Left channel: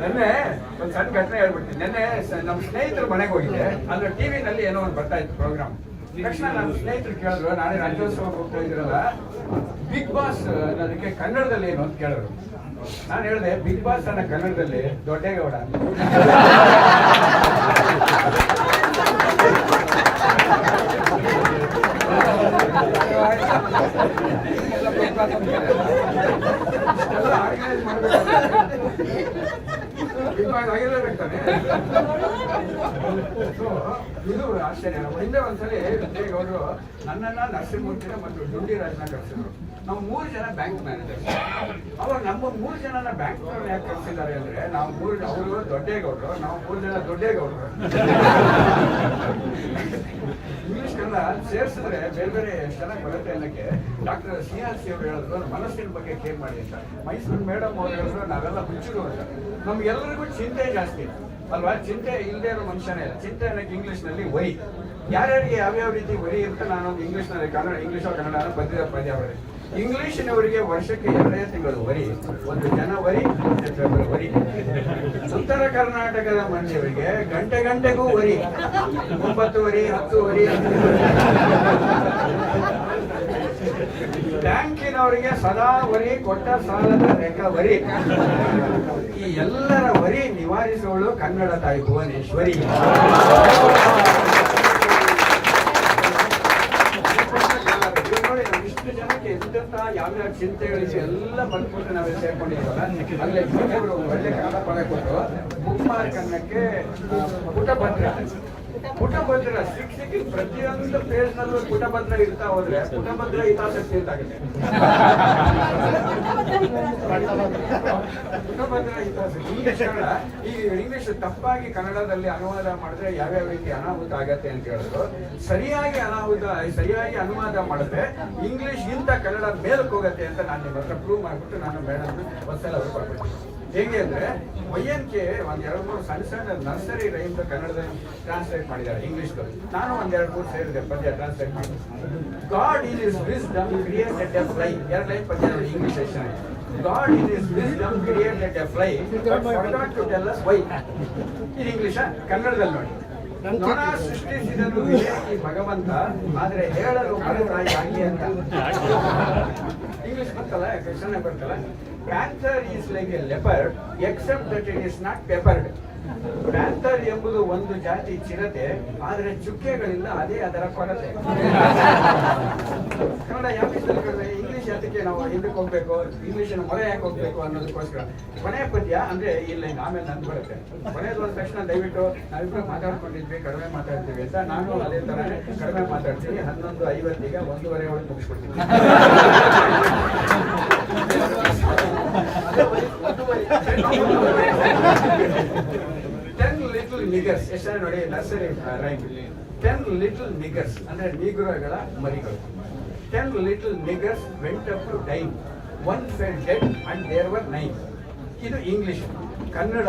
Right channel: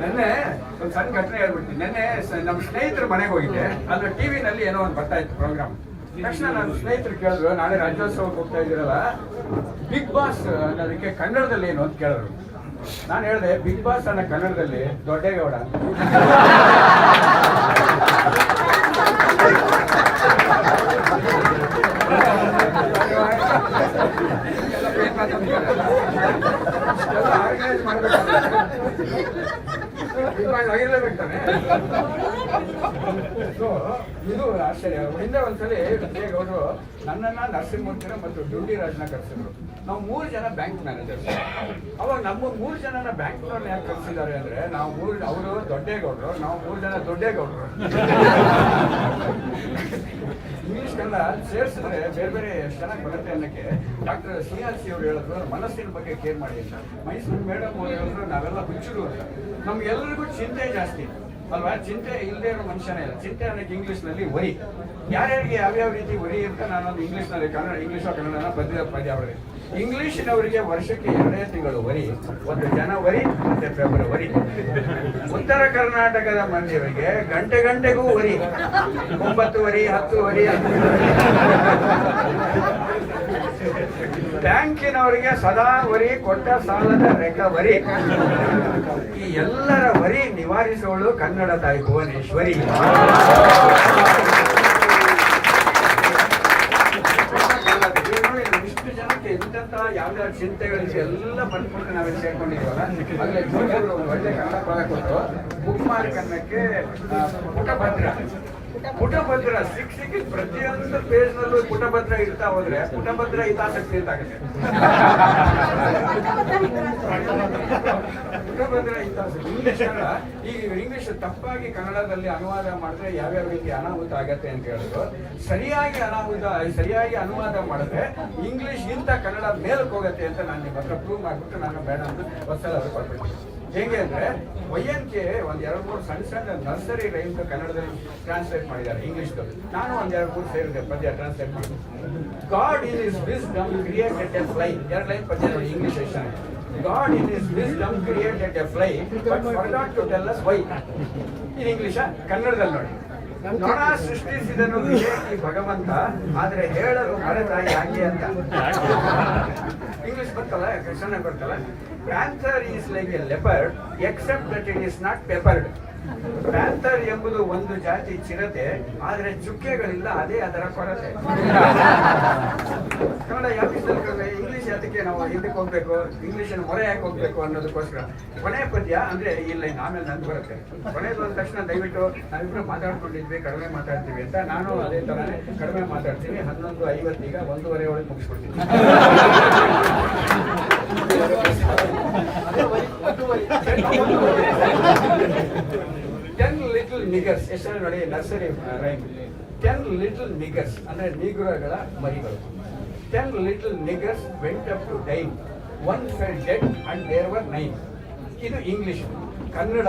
ನೆನ್ನೆ ಒಂದು ಸಣ್ಣ ಘಟನೆ ಹೇಳ್ಬಿಡ್ತೀನಿ. ನೆನ್ನೆ ನಮ್ಮ ಸ್ನೇಹಿತರ ಮನೆಗೆ ಹೋಗಿದ್ದೆ. ಅಲ್ಲಿ ಟಿವಿನಲ್ಲಿ ಏನೋ ಒಂದು ಬರ್ತಾ ಇತ್ತು ಪ್ರೋಗ್ರಾಮ್. ತಕ್ಷಣ ನನ್ನ ಸ್ನೇಹಿತರು ಕೇಳಿದ್ರು, ನಾಳೆ ರಾಜ್ಯೋತ್ಸವಕ್ಕೆ ಹೋಗ್ತಾ ಇದ್ದೀರಲ್ಲ, ಬಿಗ್ ಬಾಸ್ ಅನ್ನೋದಕ್ಕೆ ಕನ್ನಡದಲ್ಲಿ ಏನು ಅಂತ ಕೇಳಿದ್ರು. ನಾನು ಹೇಳಿದೆ, ಬಿಗ್ ಬಾಸ್ ಅನ್ನೋ ಕನ್ನಡದಲ್ಲಿ ದೊಡ್ಡೇಗೌಡ ಅಂತ. ಆರ್ಗನೈಸ್ ಆಗಿರ್ಲೇಬೇಕಾನೆ. ಇದು ಆಶ್ಚರ್ಯ. ಹಿಂದೆ ಒಂದ್ಸಲಿ ವಿಜಯಗೌಡರು ನನ್ನನ್ನ, ನರಸಿಂಹಮೂರ್ತಿನ ಮತ್ತು ಡುಂಡಿರಾಜ್ನ ಕರೆಸಿದ್ರು. ನಾವು 3 ಜನ ಬ್ಯಾಂಕ್ ಮ್ಯಾನೇಜರ್ಸ್. ಅವಾಗ ನಮ್ಮ 3 ಜನನ ಬ್ಯಾಂಕ್ನವ್ರನ್ನ ಯಾಕೆ ಕರೆಸಿದ್ದಾರೆ ಅಂದ್ರೆ, ಅವರು ದೊಡ್ಡೇಗೌಡರು, ನಾವು 3 ಜನ ದೊಡ್ಡೇಗೌಡರು. ಇಂಗ್ಲಿಷ್ ಕನ್ನಡ ಸೇರಿಸಿದ್ರೆ ಬೇರೆ ಬೇರೆ ಎಷ್ಟು ಚೆನ್ನಾಗಿ ಬರುತ್ತೆ ಅನ್ನೋಕ್ಕೆ ಡಾಕ್ಟರ್ CRC ಅವರು ಹೇಳಿದ್ರು, ಮನಸ್ಸಿನ ಬಗ್ಗೆ ಕೇರ್ ಮಾಡಿ ಅಂತ. ಮೈಸೂರು ಮೇಡಮ್ ಅವರು ಹೇಳಿದ್ರು, ನಾವೆಲ್ಲ ಹುಚ್ಚರು ಅಂತ. ನಮ್ಗೆಲ್ಲರಿಗೂ ಚಿಂತೆ ಜಾಸ್ತಿ ಅಲ್ವಾ? ಚಿಂತೆ ಇಲ್ಲದೆ ಇರೋ ಮನುಷ್ಯನೇ ಇಲ್ಲ. ಚಿಂತೆ ಅನ್ನೋಕ್ಕೆ ಇಂಗ್ಲೀಷ್ನಲ್ಲಿ ವರಿ. ಯಾರ್ಯಾರಿಗೆ ಯಾವ್ಯಾವ ರೀತಿ ವರಿ ಅಂತ ನಾನೊಂದು ಇಂಗ್ಲೀಷ್ನಲ್ಲಿ ಇಂಗ್ಲೀಷೋ ಕನ್ನಡನ ಬಂದಿರೋ ಪದ್ಯ ಅವರಿಗೆ. ಇಂಗ್ಲೀಷಿನವರಿಗೆ ವರ್ಷಕ್ಕೆ 2 ತಿಂಗಳು ವರಿ, ಒಂದು ಜನವರಿ ಮತ್ತು ಫೆಬ್ರವರಿ. ಉತ್ತರ ಕರ್ನಾಟಕದ ಮಂದಿಯವರಿಗೆ ಗಂಟೆಗೂ ವರಿ, 9 ವರಿ, 10 ವರಿ. ಬ್ಯಾಂಕಿನವರಿಗೆ ಸದಾ ವರಿ, ಕೊಟ್ಟ ಸಾಲದ ರಿಕವರಿ. ಈ ಎಲ್ಲರ ವರಿ ನಿವಾರಿಸುವಳು ಕನ್ನಡ ತಾಯಿ ಭುವನೇಶ್ವರಿ. ಇಷ್ಟು ಜನಕ್ಕೆ ಎಂತೆಂತ ಯಾವ್ಯಾವ ಚಿಂತೆಗಳಿವೆ ಎಲ್ಲ ಬಂದ್ಬಿಟ್ಟು ನಾವೆಲ್ಲ ಸೇರ್ಕೊಂಡಿದ್ವಲ್ಲ. ಅಲ್ಲೇ ಒಂದು ಒಳ್ಳೆ ಕನ್ನಡ ಪದ ಕೊಟ್ಟು ಬುಕ್ ಮಾರ್ಕ್ ಅನ್ನಕ್ಕೆ ಪುಟಭದ್ರ ಸಿಕ್ಕಿದ ಪ್ರತಿಯೊಂದು ಪೇಜ್ ನಲ್ಲೂ ಪುಟಭದ್ರ ಇಡ್ತಾ ಹೋದ್ರೆ ಪುಟಭದ್ರ ಹಿತಾಸಕ್ತಿ ಅಂತ ಆಗುತ್ತೆ. ಪುಟಭದ್ರ ಹಿತಾಸಕ್ತಿ. ಇಂಗ್ಲಿಷ್ ಕನ್ನಡ, ಈ ಇಂಗ್ಲಿಷ್ ತಪ್ಪಾಗಿ ಕನ್ನಡದಲ್ಲಿ ಅನುವಾದ ಮಾಡಿದ್ರೆ ಯಾವ್ಯಾವ ರೀತಿ ಅನಾಹುತ ಆಗತ್ತೆ ಅಂತ ಹೇಳಿದ್ರು. ಸರಿಯಾಗಿ ಅನುವಾದ ಮಾಡಿದ್ರೆ ಇಂಗ್ಲಿಷ್ ಇಂತ ಕನ್ನಡ ಮೇಲಕ್ಕೆ ಹೋಗುತ್ತೆ ಅಂತ ನಾನು ನಿಮ್ಮ ಹತ್ರ ಪ್ರೂವ್ ಮಾಡ್ಬಿಟ್ಟು ನಾನು ಮೇಡಮ್ ಒಂದ್ಸಲ ಅವ್ರು ಕೊಟ್ಬಿಡ್ತೀನಿ. ಹೇಗೆ ಅಂದ್ರೆ YNK ಒಂದ್ 2-3 ಸಣ್ಣ ನರ್ಸರಿ ರೈಮ್ ಕನ್ನಡದಲ್ಲಿ ಟ್ರಾನ್ಸ್ಲೇಟ್ ಮಾಡಿದ್ದಾರೆ ಇಂಗ್ಲಿಷ್ದು. ನಾನು ಒಂದ್ 2-3 ಸೇರಿದೆ ಪದ್ಯ ಟ್ರಾನ್ಸ್ಲೇಟ್ ಮಾಡಿ. God in his wisdom created A fly. 2 line ಪದ್ಯ English ಎಷ್ಟಾಗಿ. God in his wisdom created a fly but forgot to tell us why. ಇದು ಇಂಗ್ಲಿಷ್. ಕನ್ನಡದಲ್ಲಿ ನೋಡಿ, ನೊಣ ಸೃಷ್ಟಿಸಿದನು ವಿವೇಕಿ ಭಗವಂತ, ಆದ್ರೆ ಹೇಳಲು ಮರೆತಾಯಿ ಆಗಿ ಅಂತ. ಇಂಗ್ಲಿಷ್ ಬರ್ತಲ್ಲ, ಚೆನ್ನಾಗಿ ಬರ್ತಲ್ಲ. Panther is like a leopard except that it is not peppered. Panther ಎಂಬುದು ಒಂದು ಜಾತಿ ಚಿರತೆ, ಆದ್ರೆ ಚುಕ್ಕೆಗಳಿಲ್ಲ, ಅದೇ ಅದರ ಕೊರತೆ. ಕನ್ನಡ ಯಾವ ವಿಷಯದಲ್ಲಿ ಇಂಗ್ಲಿಷ್ ಯಾತಕ್ಕೆ ನಾವು ಹಿಂದಕ್ಕೆ ಹೋಗ್ಬೇಕು, ಇಂಗ್ಲಿಷನ್ನು ಮೊರೆ ಯಾಕೆ ಹೋಗ್ಬೇಕು ಅನ್ನೋದಕ್ಕೋಸ್ಕರ ಕೊನೆ ಪದ್ಯ ಅಂದ್ರೆ ಇಲ್ಲ. ಆಮೇಲೆ ನಂದು ಬರುತ್ತೆ. ಕೊನೆಗೆ ಬಂದ ತಕ್ಷಣ ದಯವಿಟ್ಟು ನಾವಿಬ್ರು ಮಾತಾಡ್ಕೊಂಡಿದ್ವಿ, ಕಡಿಮೆ ಮಾತಾಡ್ತೀವಿ ಅಂತ. ನಾನು ಅದೇ ತರನೇ ಕಡಿಮೆ ಮಾತಾಡ್ತೀನಿ. 11:50 ಈಗ 1:30 ಒಳಗೆ ಮುಗಿಸ್ಕೊಡ್ತೀನಿ. 10 little niggers. ಎಷ್ಟು ನೋಡಿ ನರ್ಸರಿ ರೈಮ್. 10 little niggers ಅಂದ್ರೆ ನೀಗ್ರಗಳ ಮರಿಗಳು. 10 little niggers went up to dine. One fell dead and there were 9. ಇದು ಇಂಗ್ಲಿಷ್. ಕನ್ನಡ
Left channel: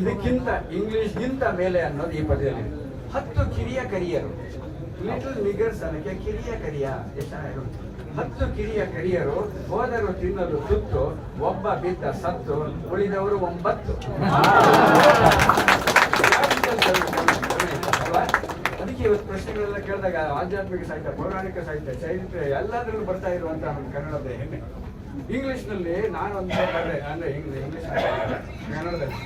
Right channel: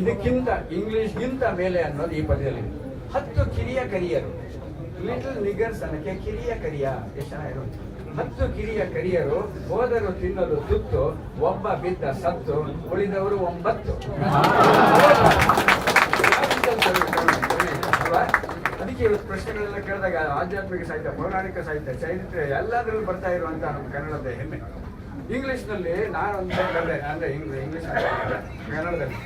ಇದಕ್ಕಿಂತ ಇಂಗ್ಲಿಷ್ಗಿಂತ ಮೇಲೆ ಅನ್ನೋದು ಈ ಪದ್ಯದಲ್ಲಿ. 10 ಕಿರಿಯ ಕರಿಯರು. ಲಿಟಲ್ ನಿಗರ್ಸ್ ಅನ್ನಕ್ಕೆ ಕಿರಿಯ ಕರಿಯ. ಎಷ್ಟು ಚೆನ್ನಾಗಿ 10 ಕಿರಿಯ ಕರಿಯರು ಹೋದರು ತಿನ್ನಲು ತುತ್ತು, ಒಬ್ಬ ಬಿದ್ದ ಸತ್ತು, ಉಳಿದವರು 9. ಅದಕ್ಕೆ ಇವತ್ತು ಪ್ರಶ್ನೆಗಳೆಲ್ಲ ಕೇಳಿದಾಗ ಆಧ್ಯಾತ್ಮಿಕ ಸಾಹಿತ್ಯ, ಪೌರಾಣಿಕ ಸಾಹಿತ್ಯ, ಚರಿತ್ರೆ ಎಲ್ಲದರಲ್ಲೂ ಬರ್ತಾ ಇರುವಂತ ನಮ್ಮ ಕನ್ನಡದ ಹೆಮ್ಮೆ. ಇಂಗ್ಲಿಷ್ನಲ್ಲಿ ನಾನೊಂದು ಅಂದ್ರೆ ಇಂಗ್ಲಿಷ್ ಕನ್ನಡದಲ್ಲಿ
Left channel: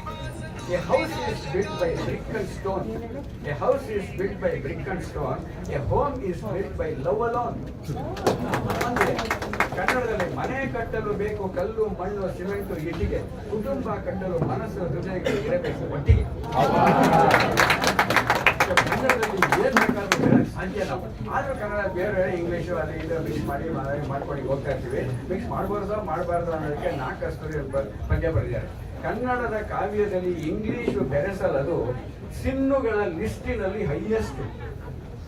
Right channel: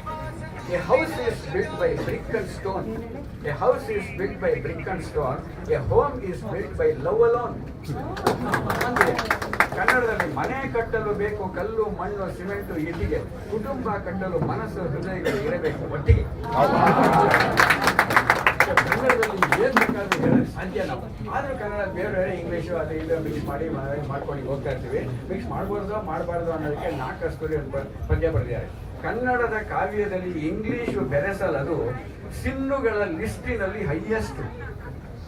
A house is built by brick and stone. A house is built by brick and stone. A home is built by love alone. ಕನ್ನಡದಲ್ಲಿ ಮನೆ ಕಟ್ಟಲು ಬೇಕು ಕಲ್ಲು, ಮಣ್ಣು, ಸಿಮೆಂಟು, ಇಟ್ಟಿಗೆ. ಕುಟುಂಬ ಕಟ್ಟಲು ಮನಸ್ಸು, ಹೃದಯಗಳು ಇರಬೇಕು ಒಟ್ಟಿಗೆ. ಕನ್ನಡದಲ್ಲಿ ಏನ್ ಬೇಕಾದ್ರೂ ಸಾಧ್ಯ ನಾವು. ಆದ್ರೂ ಕನ್ನಡ ಬೇರೆ ಇಂಗ್ಲಿಷು ಅದು ಇದು ಮಿಕ್ಸ್ ಮಾಡ್ಕೊಂಡು ಹೋಗ್ತಾ ಇರ್ತೀವಿ. ಮಿಕ್ಸ್ ಮಾಡಬಾರ್ದು ಅನ್ನೋದಕ್ಕೆ 4 ಕಸ್ತೂರಿ ಪದ್ಯ ಬರೆದಿದ್ದಾರೆ. ಕನ್ನಡದ ಕಾವ್ಯದಲ್ಲಿ ಇಂಗ್ಲಿಷು ಬೆರೆಸಲದು ಸಿನ್ನುಗಳ ಲಿಸ್ಟಿನಲ್ಲಿ ಹೈಯೆಸ್ಟ್.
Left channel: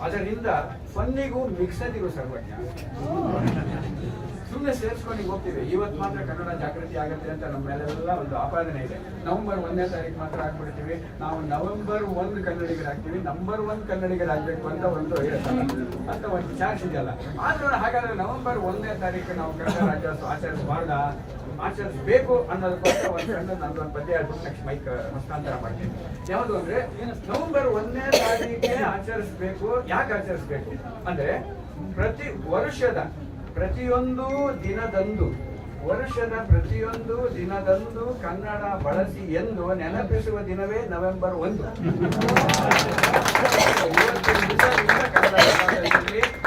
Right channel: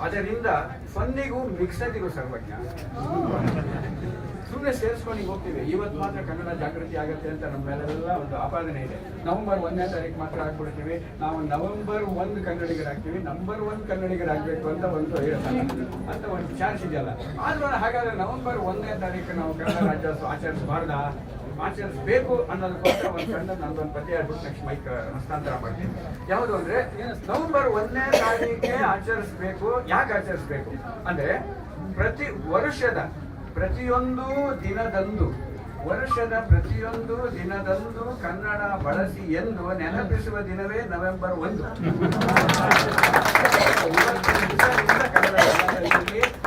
ಅದರಿಂದ ಫನ್ನಿಗೂ ಮಿಕ್ಸದಿಗೂ ಸರ್ವಜ್ಞ. ಸುಮ್ಮನೆ ಸೇರಿಸ್ಕೊಂಡು ಹೋಗ್ತೀವಿ. ಇವತ್ತು ಮಾತ್ರ ಕನ್ನಡ ಜಾಗೃತಿ ಆಗುತ್ತೆ ಅಂತ ನಮ್ಮ ಮೇಲೆಲ್ಲ ಒಂದು ಆಪಾದನೆ ಇದೆ. ನವೆಂಬರ್ 1ನೇ ತಾರೀಕು ಮಾತ್ರ ಆಗ್ಬಿಡ್ತೀವಿ ನಾವು. ನವೆಂಬರ್ 1 ಕನ್ನಡಿಗರಾಗ್ತೀವಿ, ನಂಬರ್ 1 ಕನ್ನಡಿಗರಾಗಬೇಕು ಅಂತ ಒಂದು ಅಂತ ಒಂದು ಚಾನ್ಸ್ ಇದೆಯಲ್ಲ. ಆದ್ರೂ ಹಾಗಾದ್ರೆ ನವೆಂಬರ್ 1ನೇ ತಾರೀಕು ನಾವು ಕನ್ನಡ ರಾಜ್ಯೋತ್ಸವ ಆಚರಿಸಬಾರ್ದ? ಆಚರಿಸಬೇಕು ಅನ್ನೋದಕ್ಕೋಸ್ಕರ ಒಂದು ಸಣ್ಣ ನಂದೊಂದು ಪದ್ಯ ಹೇಳ್ಬಿಟ್ಟು ನೆಕ್ಸ್ಟ್ ಮೈಕ್ ಹಸ್ತಾಂತರ ಮಾಡ್ತೀನಿ. ಯಾವುದು ಅಂದ್ರೆ ನವೆಂಬರ್ 1ನೇ ತಾರೀಕಿಗೆ ಆಚರಿಸಬೇಕು. ಯಾಕೆ ಆಚರಿಸಬೇಕು ಅಂದ್ರೆ ಪ್ರತಿ ವರ್ಷದ ಪ್ರತಿಯೊಂದು ದಿನದಂದು ಕನ್ನಡ ಬಳಸಿ ಎಂದು ನೆನಪಿಸುವ ದಿನವೇ ನವೆಂಬರ್ 1.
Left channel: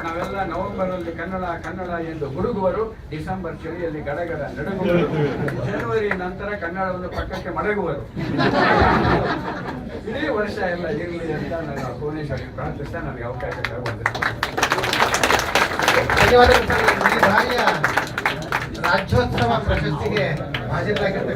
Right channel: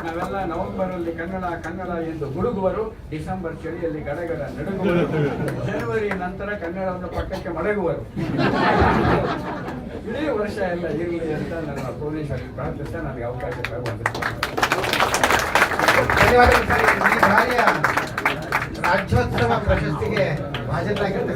ನಾವೆಲ್ಲ ನವೆಂಬರ್ ಅಲ್ಲಿ ಕನ್ನಡ ಎಂದು ಗುಡುಗುವರು, ಡಿಸೆಂಬರ್ ಚಳಿಯಲ್ಲಿ ಗಡಗಡ ನಡುಗುವರು, ಜನವರಿ ನಂತರ ಕನ್ನಡವನ್ನು ಪಕ್ಕಕ್ಕೆ ಮಡಗುವರು. ಇಡೀ ವರ್ಷ ಎಲ್ಲ ಇರಲಿ ಅಂತ ನನ್ನ ಭುವನೇಶ್ವರಿ ಪ್ರಾರ್ಥಿಸ್ತಾ ನನಗೆ ಅವಕಾಶ ಧನ್ಯವಾದಗಳು. ರಾಜ್ಯೋತ್ಸವ ಪ್ರಶಸ್ತಿಗೆ ಹಾಜರಾಗಿರ್ತಕ್ಕಂಥ